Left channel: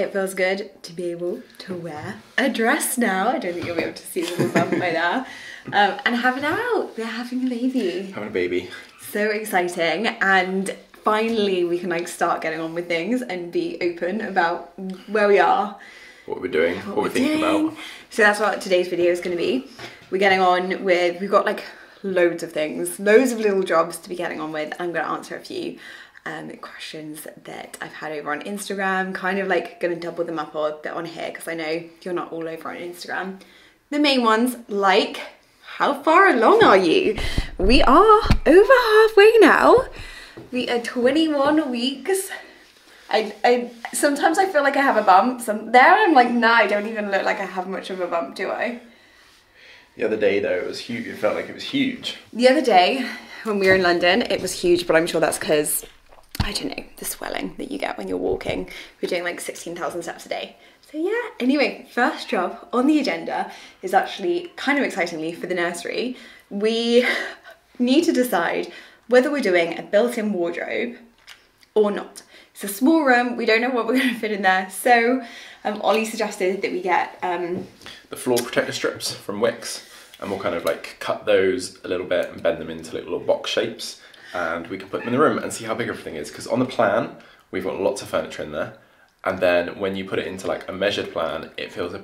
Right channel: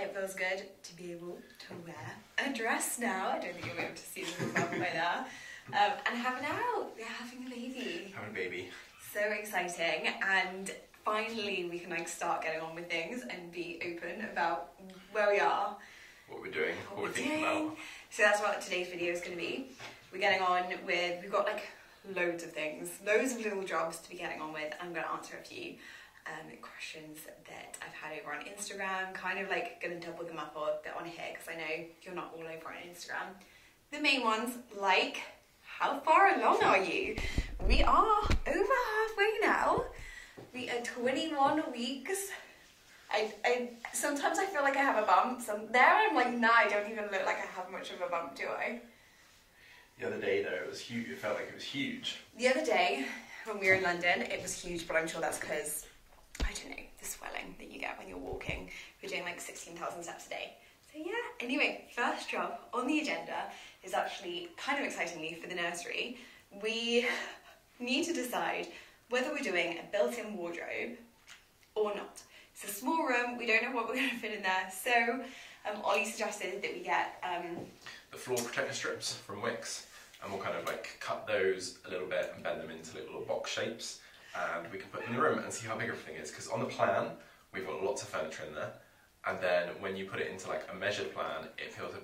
It feels good to be able to wear a dress now. I don't think you'll be able to see the little bump by now. And have it out. We're having a baby. Having a baby. So exciting. And finally we can like start getting on with things and be open about where we are. What we're doing, what we're thinking about. So that's what today's video is going to be. We're getting on with, we've got like loads of things, loads of little jobs to be getting on with. I'm going to answer a few questions that I've had over on Instagram, kind of like going to double them up a bit on here because I know you're not all over on Instagram. The main ones, like, how far along are you? We are over halfway now. We are 21 weeks. I sometimes I feel like I have a bump. There I'm like, nah, I don't even look like I have much of a bump, do I? The other day though, it was huge. It felt like it was huge. The other day when we were in London, it was huge, but I'm sure that's because, I don't know, the swelling that you get when you're walking. We're doing like 16,000 steps a day. So yeah, anyway, first job on the agenda is actually kind of excitingly for the nursery. We need to decide whether we're doing a built-in wardrobe or not. It's a small room, we don't know what we're going to fit in there, so Ollie suggested that we get the floor protector strips from Wix, and we'll kind of like cut those a little bit and bend them into little box shapes, and we can put them in the room and see how big everything is, because on the plan we've got lots of furniture in there, and then when you put it into like a measured plan it feels a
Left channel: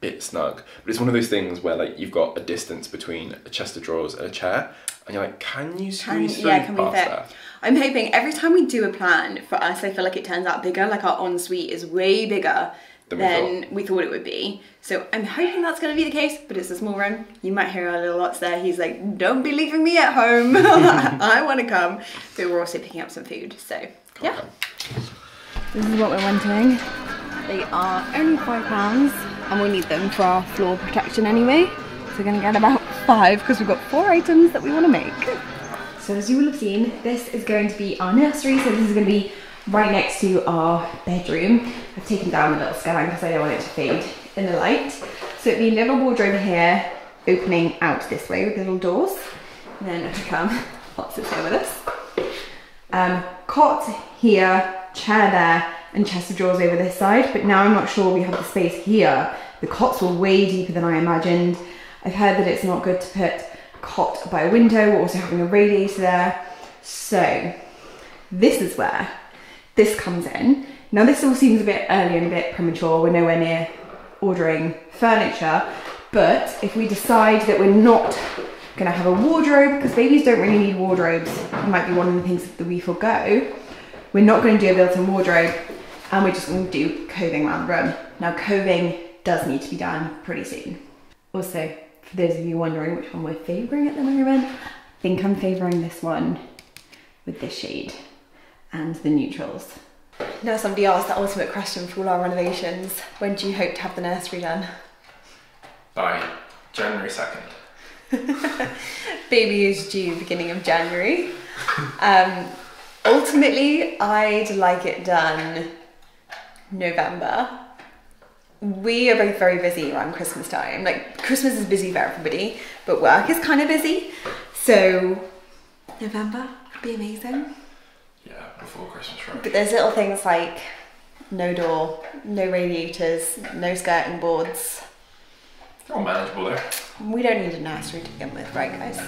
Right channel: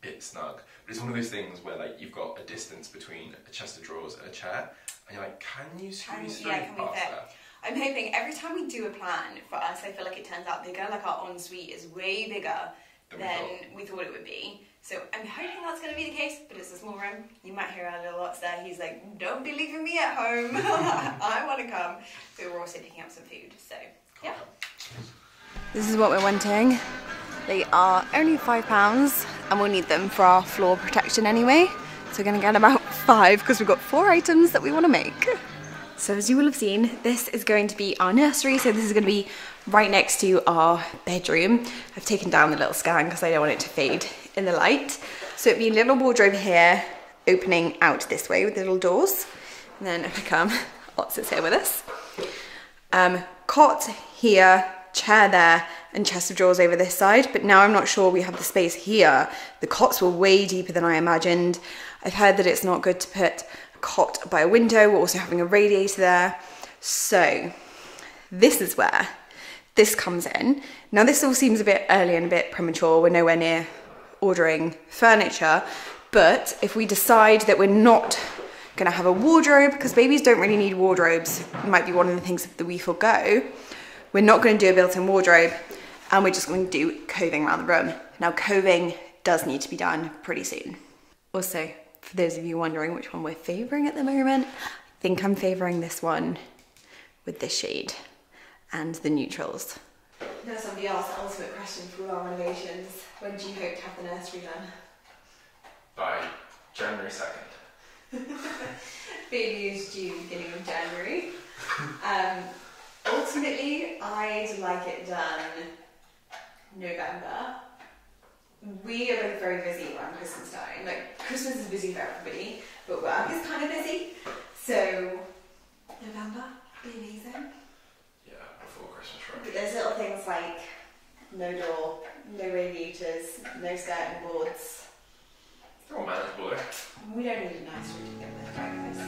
bit snug, but it's one of those things where like you've got a distance between a chest of drawers and a chair, and you're like, can you squeeze through can we past fit? that? I'm hoping every time we do a plan, for us, I feel like it turns out bigger, like our ensuite is way bigger than we thought it would be. So I'm hoping that's going to be the case, but it's a small room. You might hear our little Lots there. He's like, don't be leaving me at home. I want to come. But we're also picking up some food, so yeah. This is what we're wanting. They are only £5 and we'll need them for our floor protection anyway. So we're going to get about 5 because we've got 4 items that we want to make. So as you will have seen, this is going to be our nursery. So this is going to be right next to our bedroom. I've taken down the little scan because I don't want it to fade in the light. So it'd be a little wardrobe here, opening out this way with little doors. And then if I come, Lots is here with us. Cot here, chair there, and chest of drawers over this side. But now I'm not sure we have the space here. The cots were way deeper than I imagined. I've heard that it's not good to put cot by a window. We're also having a radiator there. So this is where this comes in. Now this all seems a bit early and a bit premature. We're nowhere near ordering furniture, but if we decide that we're not gonna have a wardrobe, because babies don't really need wardrobes, it might be one of the things that we forego. We're not gonna do a built-in wardrobe, and we're just gonna do coving around the room. Now coving does need to be done pretty soon. Also, for those of you wondering which one we're favouring at the moment, I think I'm favouring this one with this shade and the neutrals. Now somebody asked the ultimate question for all our renovations. When do you hope to have the nursery done? By January 2nd. Baby is due beginning of January. Ultimately, I'd like it done November. We are both very busy around Christmas time. Like, Christmas is busy for everybody, but work is kind of busy. So, November would be amazing. Yeah, before Christmas, right? But there's little things like no door, no radiators, no skirting boards. They're all manageable though. We don't need a nursery to begin with, right guys?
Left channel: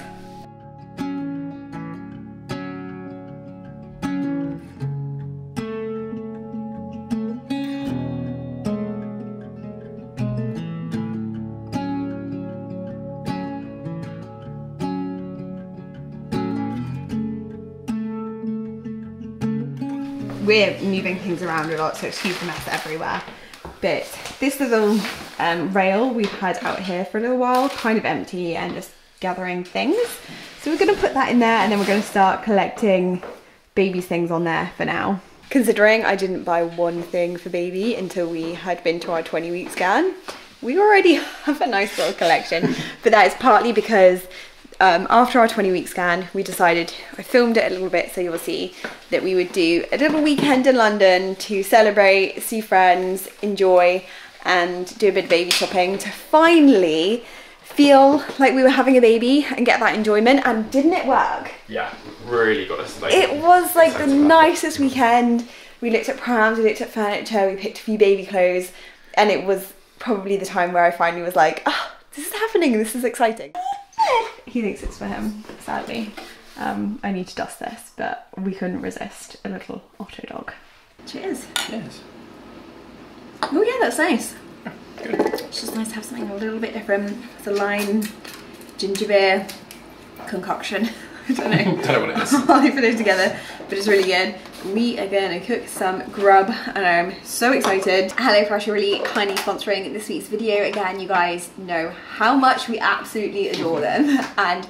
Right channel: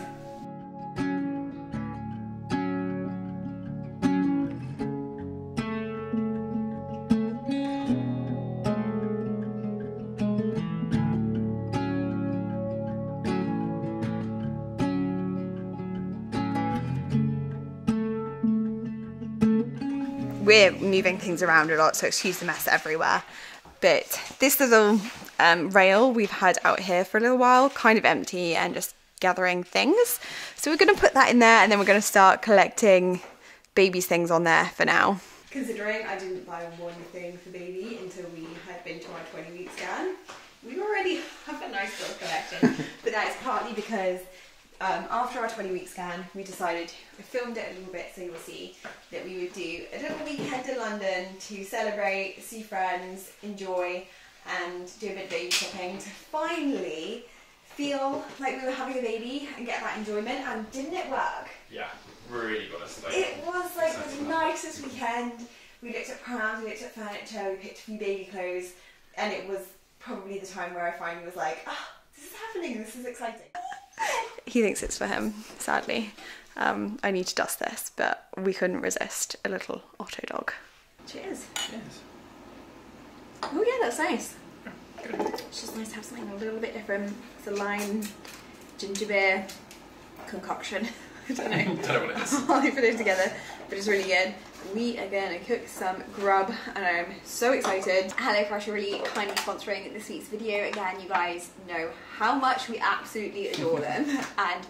We're moving things around a lot, so excuse the mess everywhere. But this little rail we've had out here for a little while, kind of empty and just gathering things. So we're gonna put that in there, and then we're gonna start collecting baby's things on there for now. Considering I didn't buy one thing for baby until we had been to our 20-week scan, we already have a nice little collection. But that is partly because after our 20-week scan, we decided, I filmed it a little bit so you'll see, that we would do a little weekend in London to celebrate, see friends, enjoy, and do a bit of baby shopping to finally feel like we were having a baby and get that enjoyment. And didn't it work? Yeah, really got us. Like, it was like the nicest weekend. we looked at prams, we looked at furniture, we picked a few baby clothes, and it was probably the time where I finally was like, oh, this is happening, this is exciting. He thinks it's for him, sadly. I need to dust this, but we couldn't resist a little Otto dog. Cheers. Cheers. Oh yeah, that's nice. Good. It's just nice to have something a little bit different. It's a lime, ginger beer concoction. I don't know. I don't know what it is. I'll put it together, but it's really good. We are going to cook some grub and I'm so excited. HelloFresh are really kindly sponsoring this week's video. Again, you guys know how much we absolutely adore them, and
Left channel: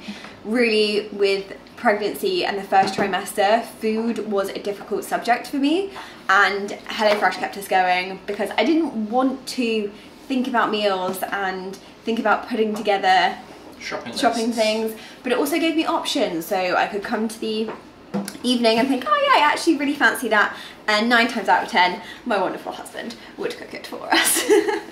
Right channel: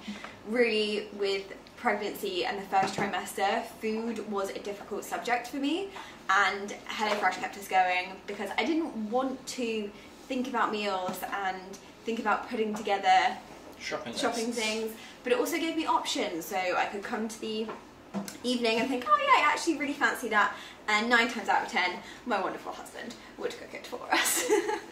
really with pregnancy and the first trimester, food was a difficult subject for me, and HelloFresh kept us going because I didn't want to think about meals and think about putting together shopping things, but it also gave me options, so I could come to the evening and think, oh yeah, I actually really fancy that, and 9 times out of 10 my wonderful husband would cook it for us.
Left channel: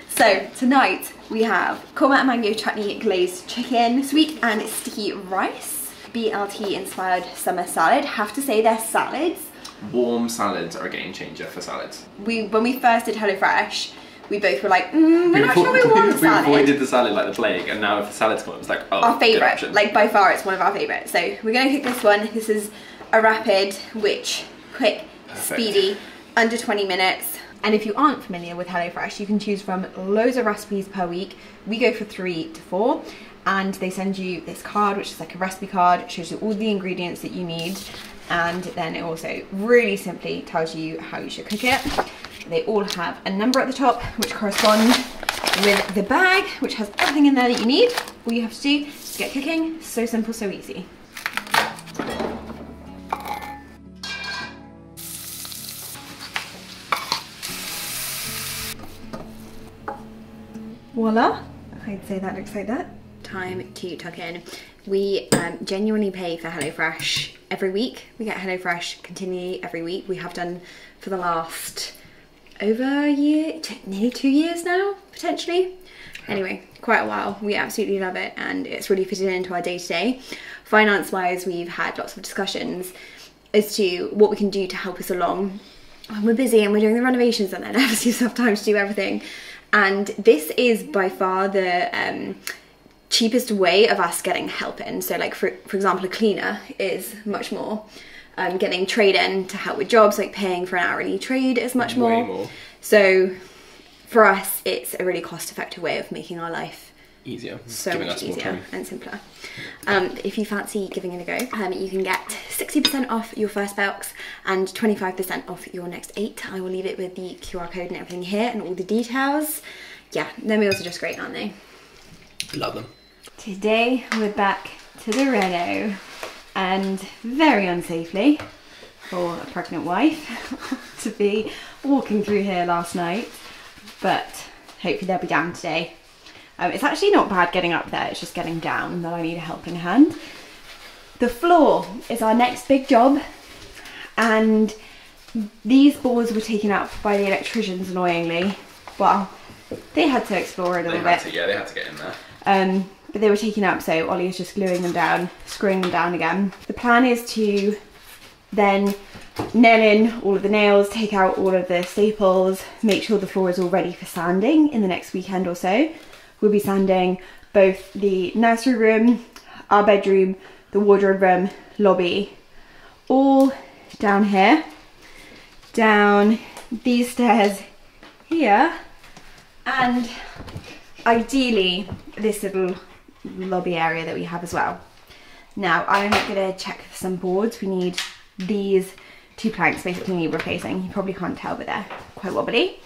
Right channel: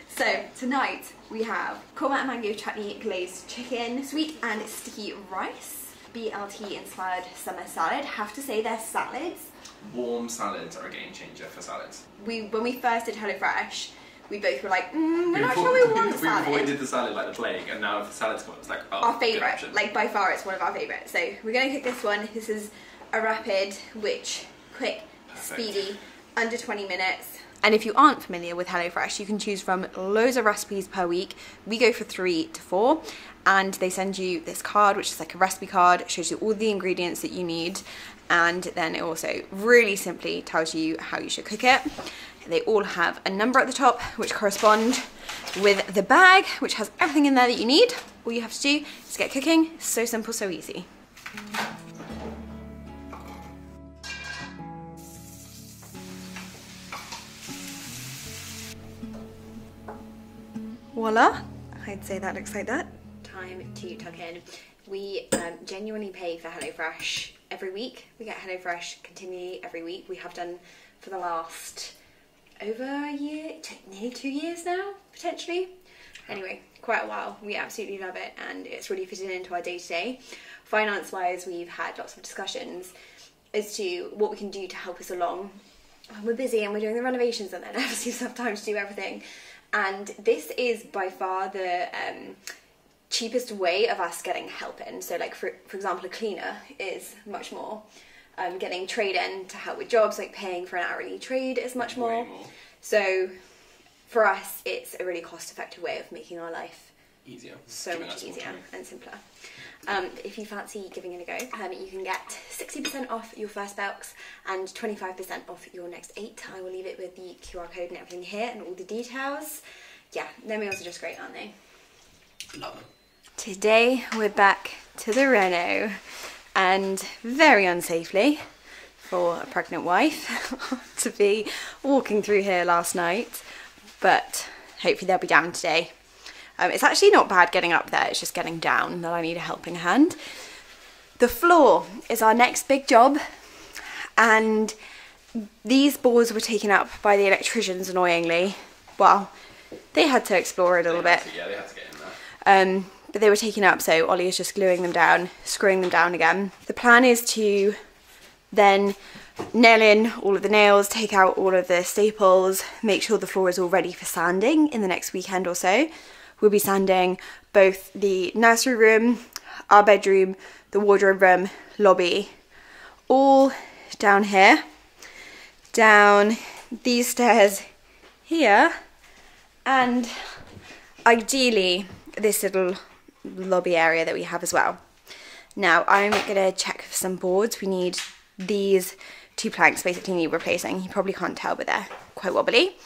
So tonight we have korma and mango chutney glazed chicken, sweet and sticky rice, BLT inspired summer salad. Have to say, their salads, Warm salads are a game changer for salads. when we first did HelloFresh, we both were like, we're not sure we want salad. We avoided the salad like the plague, and now if the salad's come, it was like, oh, our favourite, like by far it's one of our favourites. So we're going to cook this one. This is a rapid, quick, speedy, under 20 minutes. And if you aren't familiar with HelloFresh, you can choose from loads of recipes per week. We go for 3 to 4, and they send you this card, which is like a recipe card. It shows you all the ingredients that you need, and then it also really simply tells you how you should cook it. They all have a number at the top, which correspond with the bag, which has everything in there that you need. All you have to do is get cooking. So simple, so easy. Voila, I'd say that looks like that. Time to tuck in. We genuinely pay for HelloFresh every week. We get HelloFresh continually every week. We have done for the last over a year, nearly 2 years now, potentially. Anyway, quite a while. We absolutely love it, and it's really fitted into our day-to-day. Finance-wise, we've had lots of discussions as to what we can do to help us along. We're busy and we're doing the renovations, and then obviously we have time to do everything. And this is by far the cheapest way of us getting help in. So like for example, a cleaner is much more. Getting trade in to help with jobs, like paying for an hourly trade, is much more. Way more. So for us, it's a really cost-effective way of making our life easier, so much easier and simpler. If you fancy giving it a go, you can get 60% off your first box and 25% off your next 8. I will leave it with the QR code and everything here and all the details. Yeah, their meals are just great, aren't they? Love them. Today we're back to the reno, and very unsafely for a pregnant wife to be walking through here last night, but hopefully they'll be down today. It's actually not bad getting up there, it's just getting down that I need a helping hand. The floor is our next big job, and these boards were taken up by the electricians, annoyingly. Well, they had to explore it a little bit. Yeah, they had to get in there. But they were taken up, so Ollie is just gluing them down, screwing them down again. The plan is to then nail in all of the nails, take out all of the staples, make sure the floor is all ready for sanding in the next weekend or so. We'll be sanding both the nursery room, our bedroom, the wardrobe room, lobby, all down here, down these stairs here, and ideally this little lobby area that we have as well. Now I'm gonna check for some boards. We need these 2 planks basically need replacing. You probably can't tell, but they're quite wobbly.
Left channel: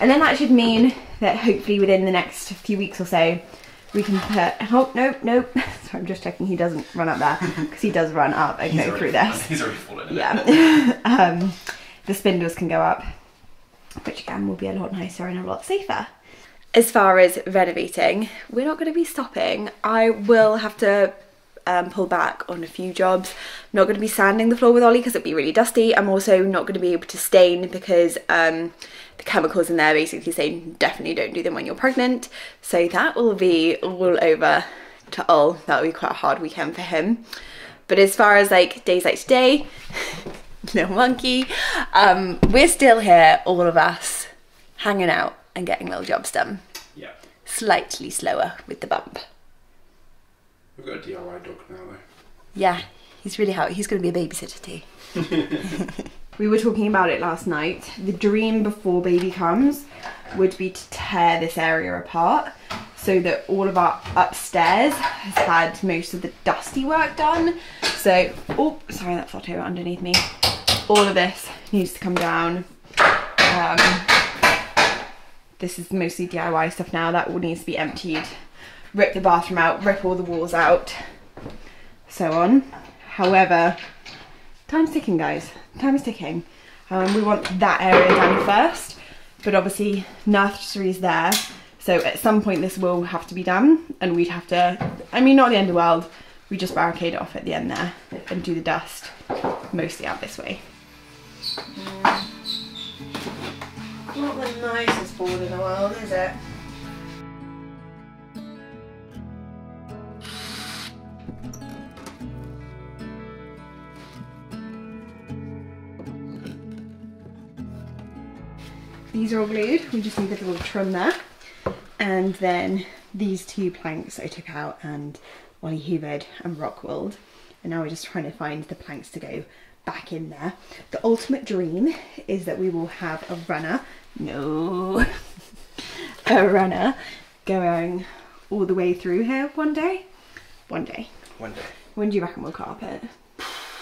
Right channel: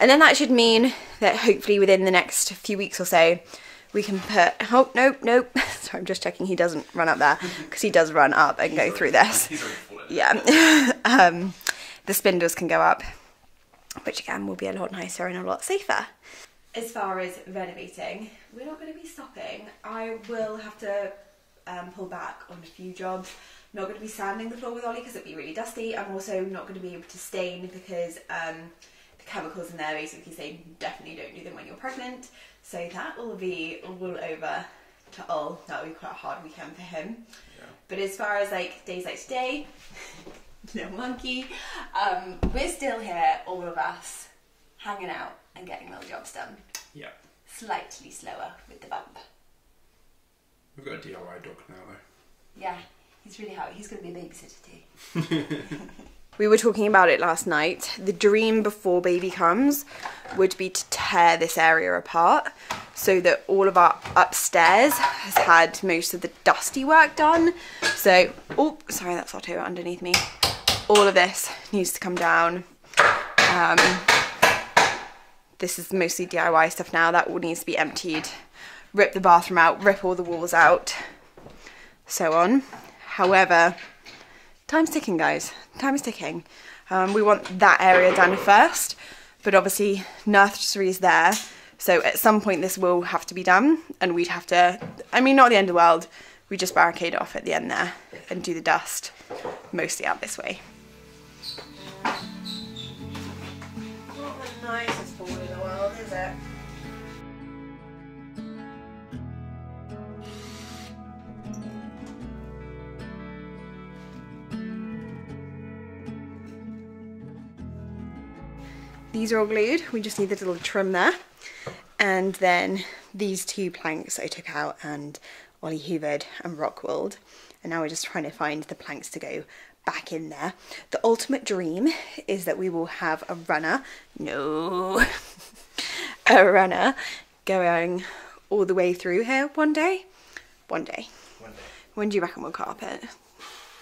And then that should mean that hopefully within the next few weeks or so we can put, oh nope, sorry, I'm just checking he doesn't run up there, because he does run up and go through this. He's already fallen in. Yeah. The spindles can go up, which again will be a lot nicer and a lot safer. As far as renovating, we're not going to be stopping. I will have to pull back on a few jobs. I'm not going to be sanding the floor with Ollie because it'd be really dusty. I'm also not going to be able to stain because the chemicals in there basically say definitely don't do them when you're pregnant. So that will be all over to Ol. That'll be quite a hard weekend for him. But as far as like days like today, little monkey. We're still here, all of us, hanging out and getting little jobs done. Yeah. Slightly slower with the bump. We've got a DIY dog now though. Yeah, he's really happy. He's going to be a babysitter too. We were talking about it last night. The dream before baby comes would be to tear this area apart so that all of our upstairs has had most of the dusty work done. So, oh, sorry, that's Otto underneath me. All of this needs to come down. This is mostly DIY stuff now. That all needs to be emptied. Rip the bathroom out, rip all the walls out, so on. However, time's ticking, guys. Time is ticking. We want that area done first, but obviously nursery's there, so at some point this will have to be done, and we'd have to, I mean, not the end of the world, we just barricade off at the end there and do the dust mostly out this way. Not the nicest board in the world, is it? These are all glued, we just need the little trim there. And then these two planks I took out and Ollie hoovered and rock-wooled. And now we're just trying to find the planks to go back in there. The ultimate dream is that we will have a runner, a runner going all the way through here one day. One day. When do you reckon we'll carpet?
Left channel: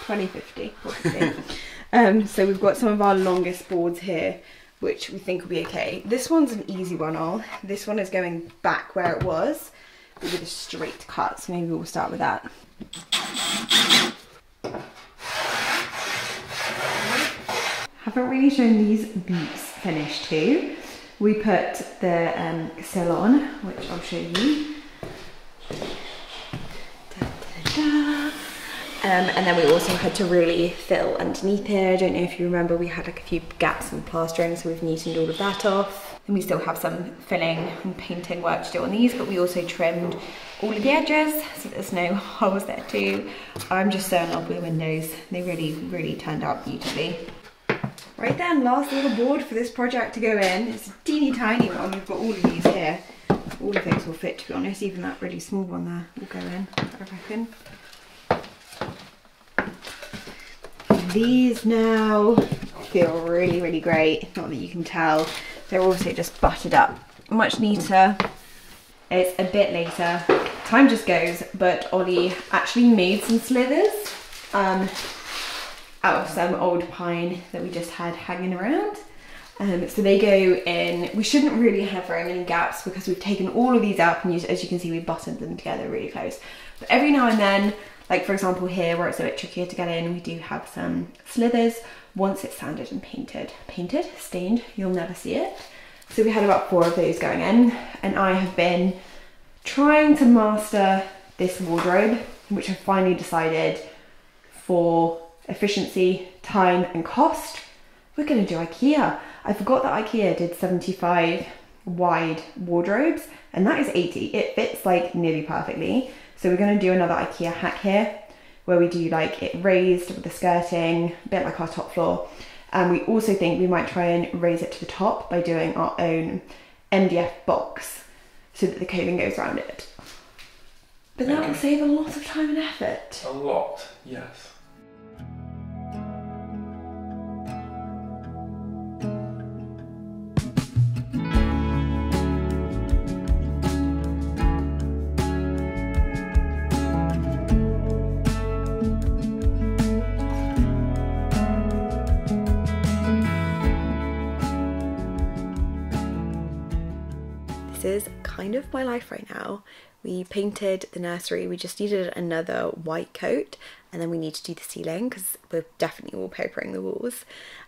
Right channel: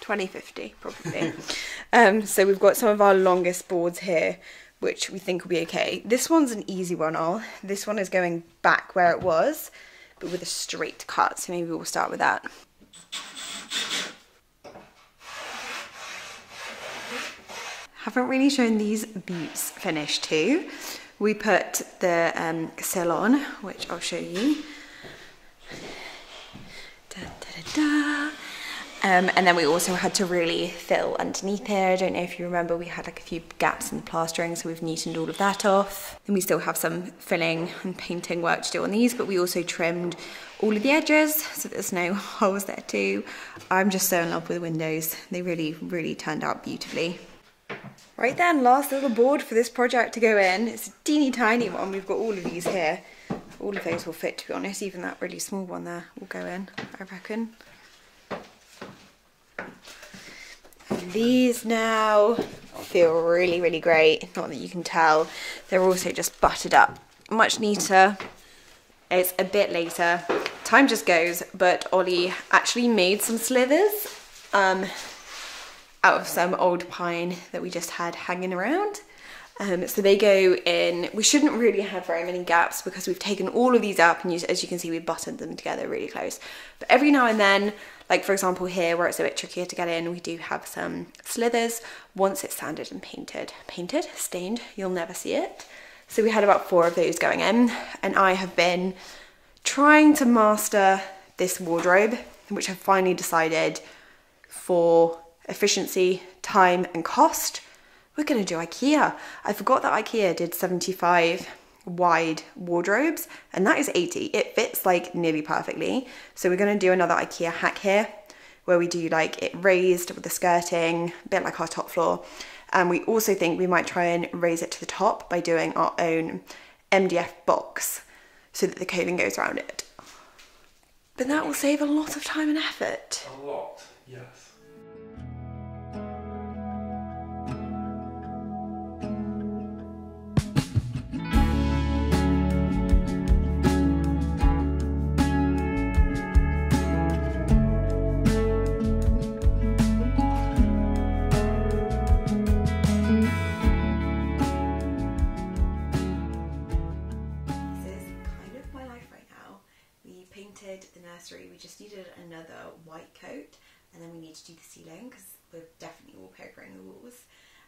2050, probably. So we've got some of our longest boards here, which we think will be okay. This one's an easy one, This one is going back where it was, but with a straight cut, so maybe we'll start with that. Haven't really shown these boots finished too. We put the sill on, which I'll show you. And then we also had to really fill underneath here. I don't know if you remember, we had like a few gaps in the plastering, so we've neatened all of that off. And we still have some filling and painting work to do on these, but we also trimmed all of the edges, so there's no holes there too. I'm just so in love with the windows. They really, really turned out beautifully. Right then, last little board for this project to go in. It's a teeny tiny one. We've got all of these here. All of those will fit, to be honest. Even that really small one there will go in, I reckon. These now feel really, really great. Not that you can tell. They're also just buttered up. Much neater. It's a bit later. Time just goes, but Ollie actually made some slithers out of some old pine that we just had hanging around. So they go in. We shouldn't really have very many gaps because we've taken all of these out, and as you can see, we buttoned them together really close. But every now and then, like for example here where it's a bit trickier to get in, we do have some slithers. Once it's sanded and stained, you'll never see it. So we had about 4 of those going in, and I have been trying to master this wardrobe, which I finally decided for efficiency, time and cost, we're gonna do IKEA. I forgot that IKEA did 75 wide wardrobes, and that is 80. It fits like nearly perfectly. So we're gonna do another IKEA hack here, where we do like it raised with the skirting, a bit like our top floor. And we also think we might try and raise it to the top by doing our own MDF box so that the ceiling goes around it. But that will save a lot of time and effort. A lot, yes. This is kind of my life right now. We painted the nursery, we just needed another white coat, and then we need to do the ceiling because we're definitely wallpapering the walls.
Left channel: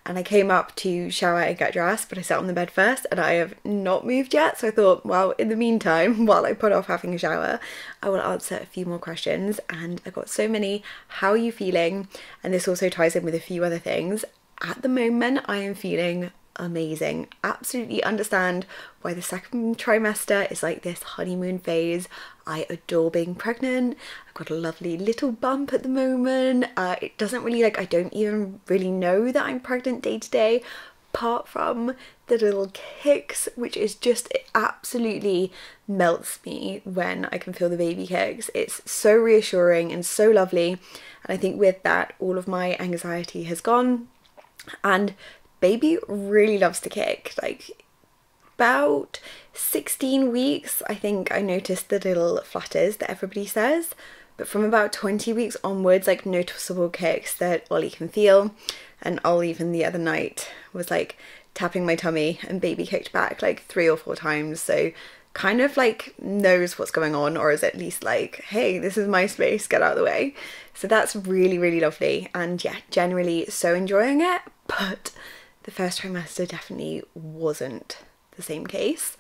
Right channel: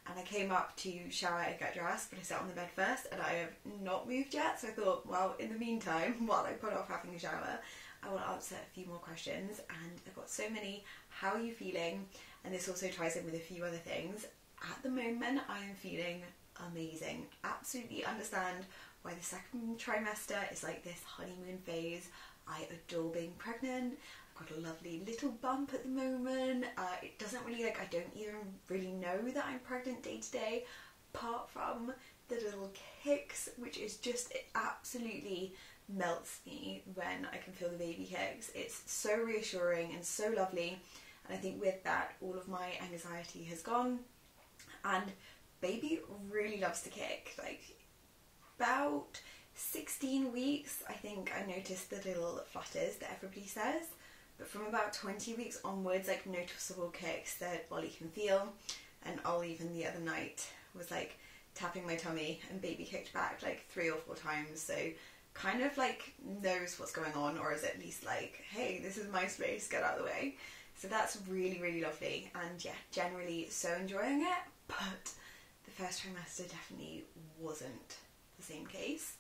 And I came up to shower and get dressed, but I sat on the bed first and I have not moved yet. So I thought, well, in the meantime, while I put off having a shower, I will answer a few more questions. And I got so many, how are you feeling? And this also ties in with a few other things. At the moment, I am feeling amazing. Absolutely understand why the second trimester is like this honeymoon phase. I adore being pregnant. I've got a lovely little bump at the moment. It doesn't really I don't even really know that I'm pregnant day to day, apart from the little kicks, which is just, it absolutely melts me when I can feel the baby kicks. It's so reassuring and so lovely. And I think with that, all of my anxiety has gone. And baby really loves to kick. Like about 16 weeks, I think I noticed the little flutters that everybody says. But from about 20 weeks onwards, like noticeable kicks that Ollie can feel. And Ollie even the other night was like tapping my tummy and baby kicked back like 3 or 4 times. So kind of like knows what's going on, or is at least like, hey, this is my space, get out of the way. So that's really, really lovely. And yeah, generally so enjoying it. But the first trimester definitely wasn't the same case.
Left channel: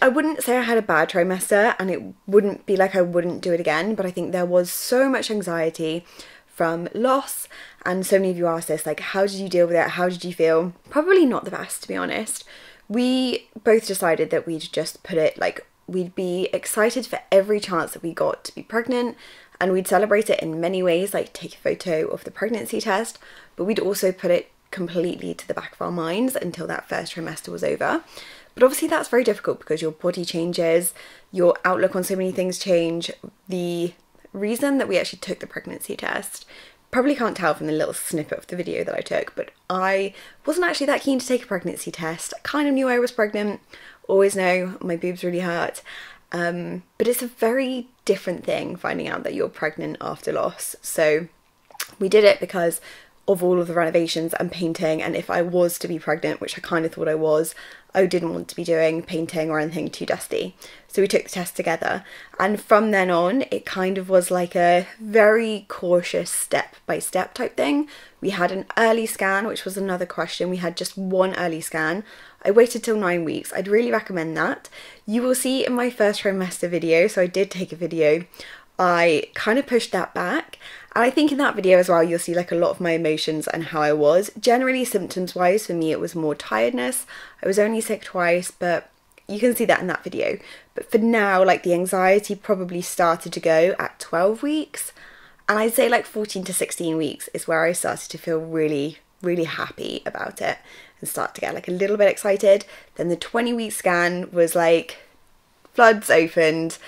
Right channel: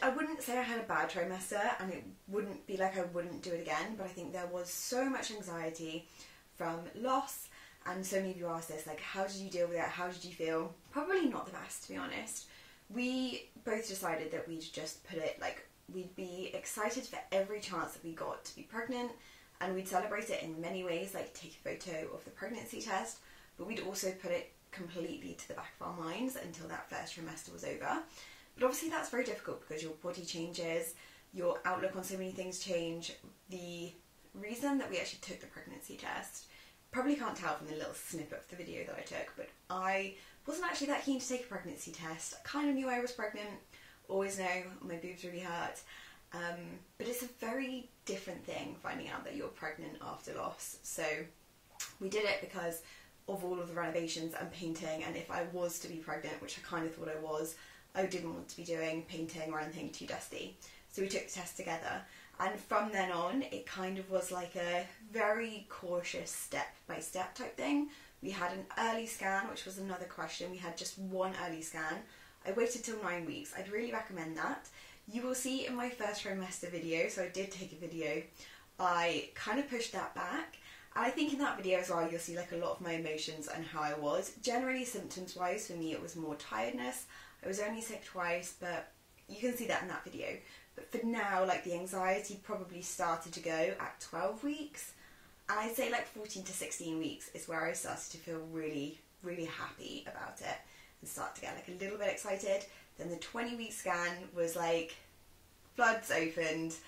I wouldn't say I had a bad trimester, and it wouldn't be like I wouldn't do it again, but I think there was so much anxiety from loss. And so many of you asked this, like, how did you deal with it? How did you feel? Probably not the best, to be honest. We both decided that we'd just put it like, we'd be excited for every chance that we got to be pregnant, and we'd celebrate it in many ways, like take a photo of the pregnancy test, but we'd also put it completely to the back of our minds until that first trimester was over. But obviously that's very difficult because your body changes, your outlook on so many things change. The reason that we actually took the pregnancy test, probably can't tell from the little snippet of the video that I took, but I wasn't actually that keen to take a pregnancy test. I kind of knew I was pregnant, always know my boobs really hurt, but it's a very different thing finding out that you're pregnant after loss. So we did it because of all of the renovations and painting, and if I was to be pregnant, which I kind of thought I was, I didn't want to be doing painting or anything too dusty. So we took the test together, and from then on it kind of was like a very cautious step-by-step type thing. We had an early scan, which was another question. We had just one early scan. I waited till 9 weeks. I'd really recommend that. You will see in my first trimester video, so I did take a video, I kind of pushed that back. And I think in that video as well, you'll see like a lot of my emotions and how I was. Generally, symptoms wise, for me, it was more tiredness. I was only sick twice, but you can see that in that video. But for now, like the anxiety probably started to go at 12 weeks. And I'd say like 14 to 16 weeks is where I started to feel really, really happy about it and start to get like a little bit excited. Then the 20-week scan was like floods opened.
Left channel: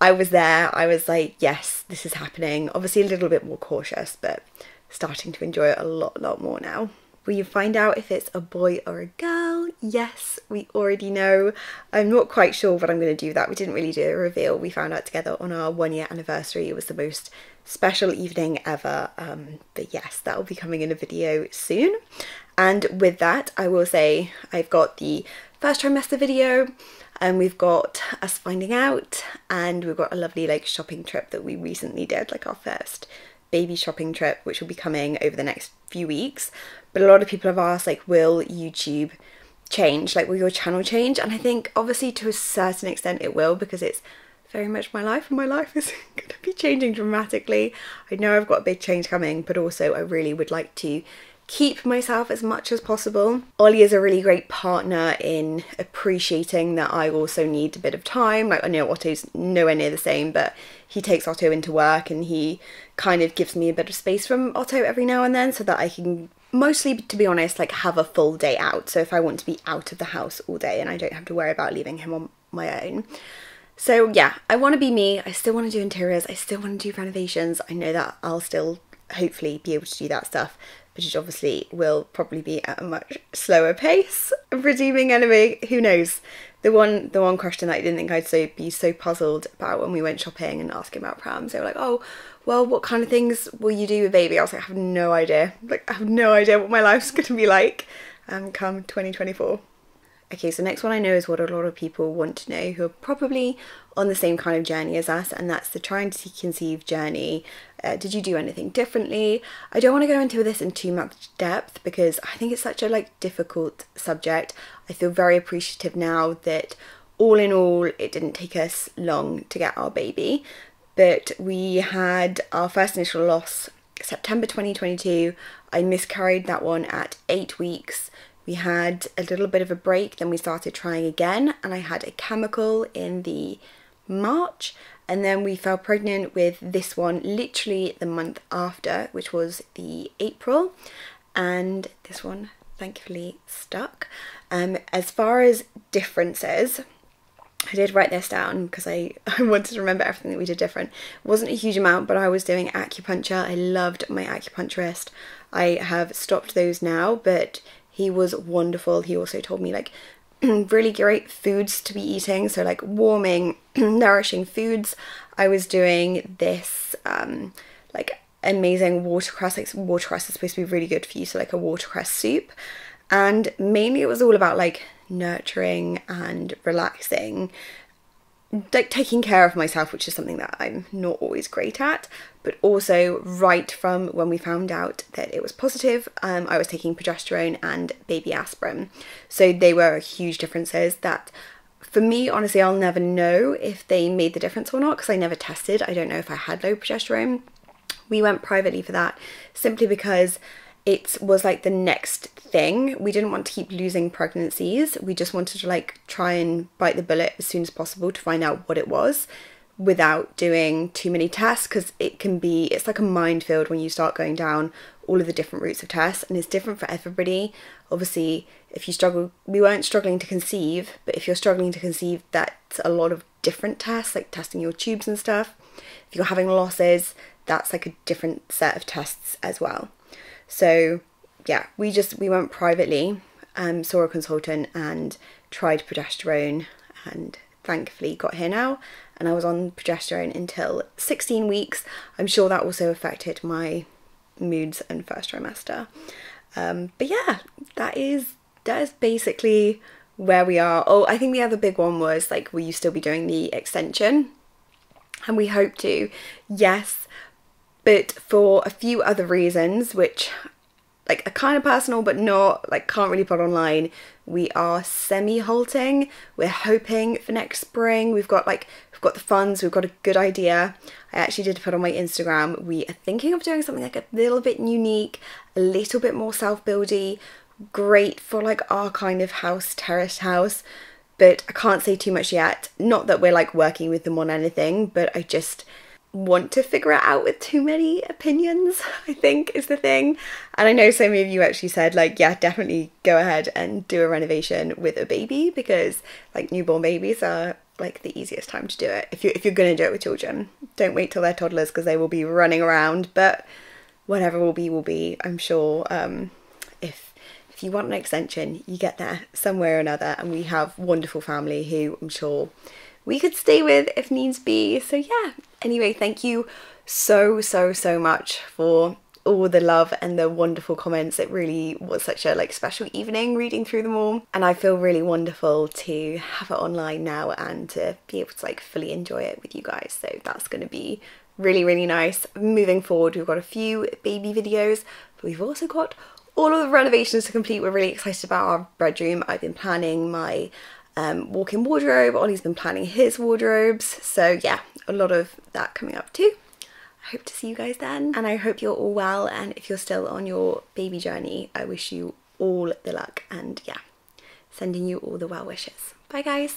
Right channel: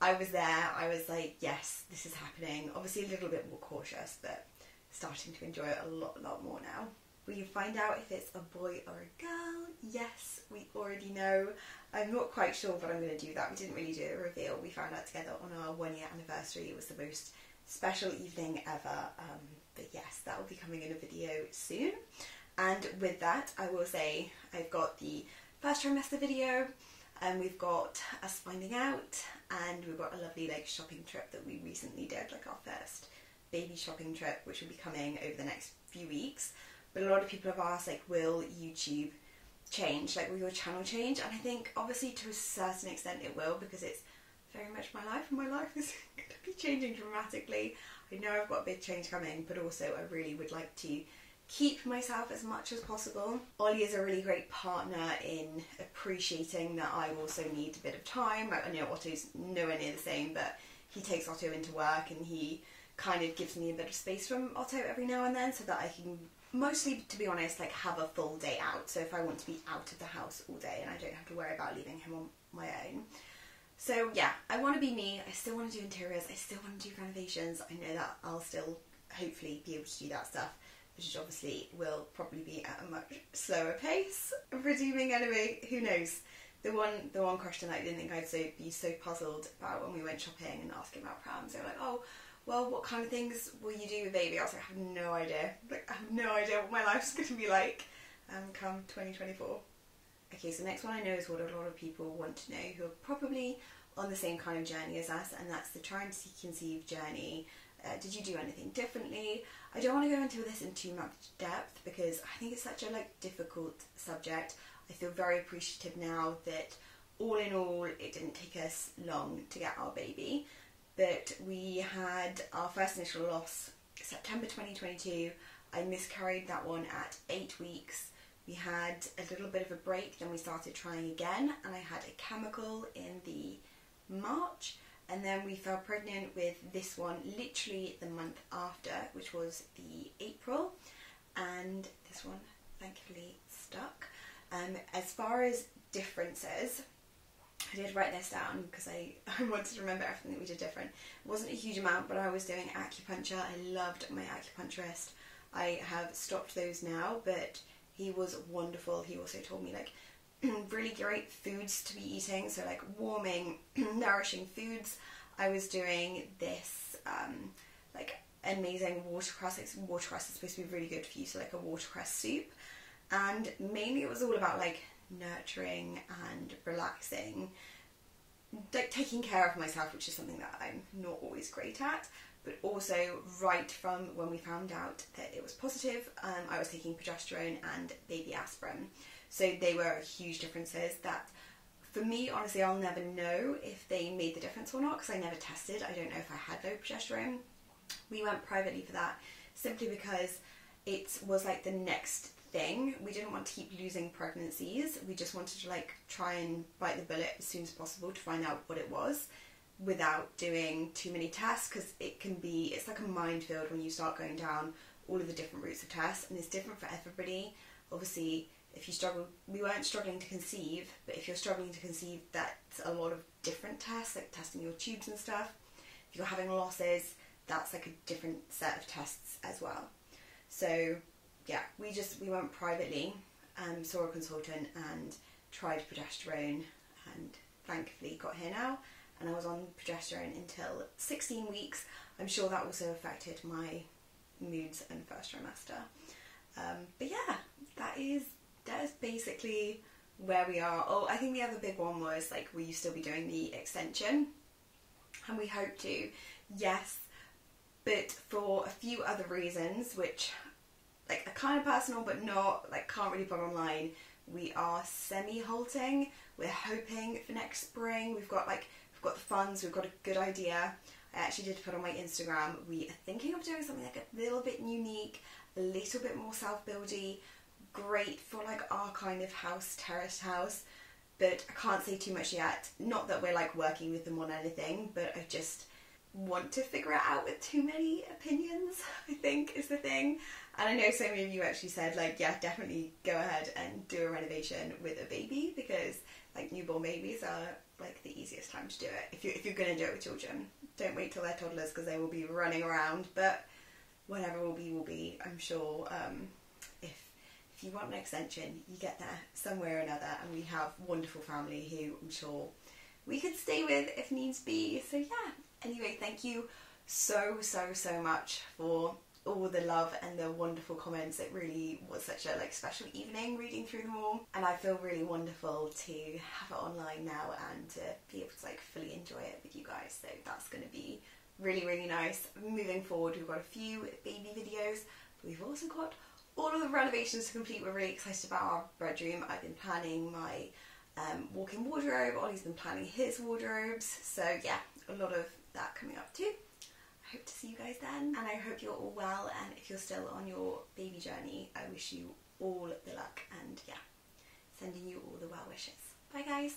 I was there, I was like, yes, this is happening. Obviously a little bit more cautious, but starting to enjoy it a lot more now. Will you find out if it's a boy or a girl? Yes, we already know. I'm not quite sure what I'm going to do that. We didn't really do a reveal. We found out together on our 1-year anniversary. It was the most special evening ever. But yes, that will be coming in a video soon. And with that, I will say I've got the first trimester video, and we've got us finding out, and we've got a lovely like shopping trip that we recently did, like our first baby shopping trip, which will be coming over the next few weeks. But a lot of people have asked, like, will YouTube change? Like, will your channel change? And I think obviously to a certain extent it will, because it's very much my life, and my life is going to be changing dramatically. I know I've got a big change coming, but also I really would like to keep myself as much as possible. Ollie is a really great partner in appreciating that I also need a bit of time. Like, I know Otto's nowhere near the same, but he takes Otto into work and he kind of gives me a bit of space from Otto every now and then, so that I can mostly, to be honest, like have a full day out. So if I want to be out of the house all day and I don't have to worry about leaving him on my own. So yeah, I want to be me. I still want to do interiors. I still want to do renovations. I know that I'll still hopefully be able to do that stuff, but it obviously will probably be at a much slower pace. Presuming anyway, who knows? The one question that I didn't think I'd be so puzzled about when we went shopping and asking about prams, they were like, oh, well, what kind of things will you do with baby? I was like, I have no idea. Like, I have no idea what my life's going to be like come 2024. Okay, so next one I know is what a lot of people want to know who are probably on the same kind of journey as us, and that's the trying to conceive journey. Did you do anything differently? I don't want to go into this in too much depth because I think it's such a difficult subject. I feel very appreciative now that all in all it didn't take us long to get our baby, but we had our first initial loss September 2022. I miscarried that one at 8 weeks. We had a little bit of a break, then we started trying again, and I had a chemical in the March, and then we fell pregnant with this one literally the month after, which was the April, and this one thankfully stuck. As far as differences, I did write this down because I wanted to remember everything that we did different. It wasn't a huge amount, but I was doing acupuncture. I loved my acupuncturist. I have stopped those now, but he was wonderful. He also told me like really great foods to be eating, so like warming, nourishing foods. I was doing this like amazing watercress. Like watercress is supposed to be really good for you, so like a watercress soup. And mainly it was all about like nurturing and relaxing, like taking care of myself, which is something that I'm not always great at. But also right from when we found out that it was positive, I was taking progesterone and baby aspirin. So they were huge differences that for me, honestly, I'll never know if they made the difference or not because I never tested. I don't know if I had low progesterone. We went privately for that simply because it was like the next thing. We didn't want to keep losing pregnancies. We just wanted to like try and bite the bullet as soon as possible to find out what it was without doing too many tests, because it's like a minefield when you start going down all of the different routes of tests, and it's different for everybody. Obviously, if you struggle, we weren't struggling to conceive, but if you're struggling to conceive, that's a lot of different tests, like testing your tubes and stuff. If you're having losses, that's like a different set of tests as well. So yeah, we went privately, saw a consultant and tried progesterone, and thankfully got here now, and I was on progesterone until 16 weeks. I'm sure that also affected my moods and first trimester. But yeah, that is basically where we are. Oh, I think the other big one was like, will you still be doing the extension? And we hope to, yes, but for a few other reasons, which like are kind of personal but not, like can't really put online, we are semi-halting. We're hoping for next spring. We've got the funds, we've got a good idea. I actually did put on my Instagram, we are thinking of doing something like a little bit unique, a little bit more self-buildy, great for like our kind of house, terraced house, but I can't say too much yet. Not that we're like working with them on anything, but I just want to figure it out with too many opinions, I think is the thing. And I know so many of you actually said like, yeah, definitely go ahead and do a renovation with a baby, because like newborn babies are like the easiest time to do it. If you're gonna do it with children, don't wait till they're toddlers because they will be running around, but whatever will be, I'm sure. If you want an extension, you get there somewhere or another, and we have wonderful family who I'm sure we could stay with if needs be. So yeah, anyway, thank you so much for all the love and the wonderful comments. It really was such a like special evening reading through them all, and I feel really wonderful to have it online now and to be able to like fully enjoy it with you guys. So that's going to be really nice. Moving forward, we've got a few baby videos, but we've also got all of the renovations to complete. We're really excited about our bedroom. I've been planning my walk-in wardrobe. Ollie's been planning his wardrobes. So yeah, a lot of that coming up too. I hope to see you guys then, and I hope you're all well, and if you're still on your baby journey, I wish you all the luck, and yeah, sending you all the well wishes. Bye guys.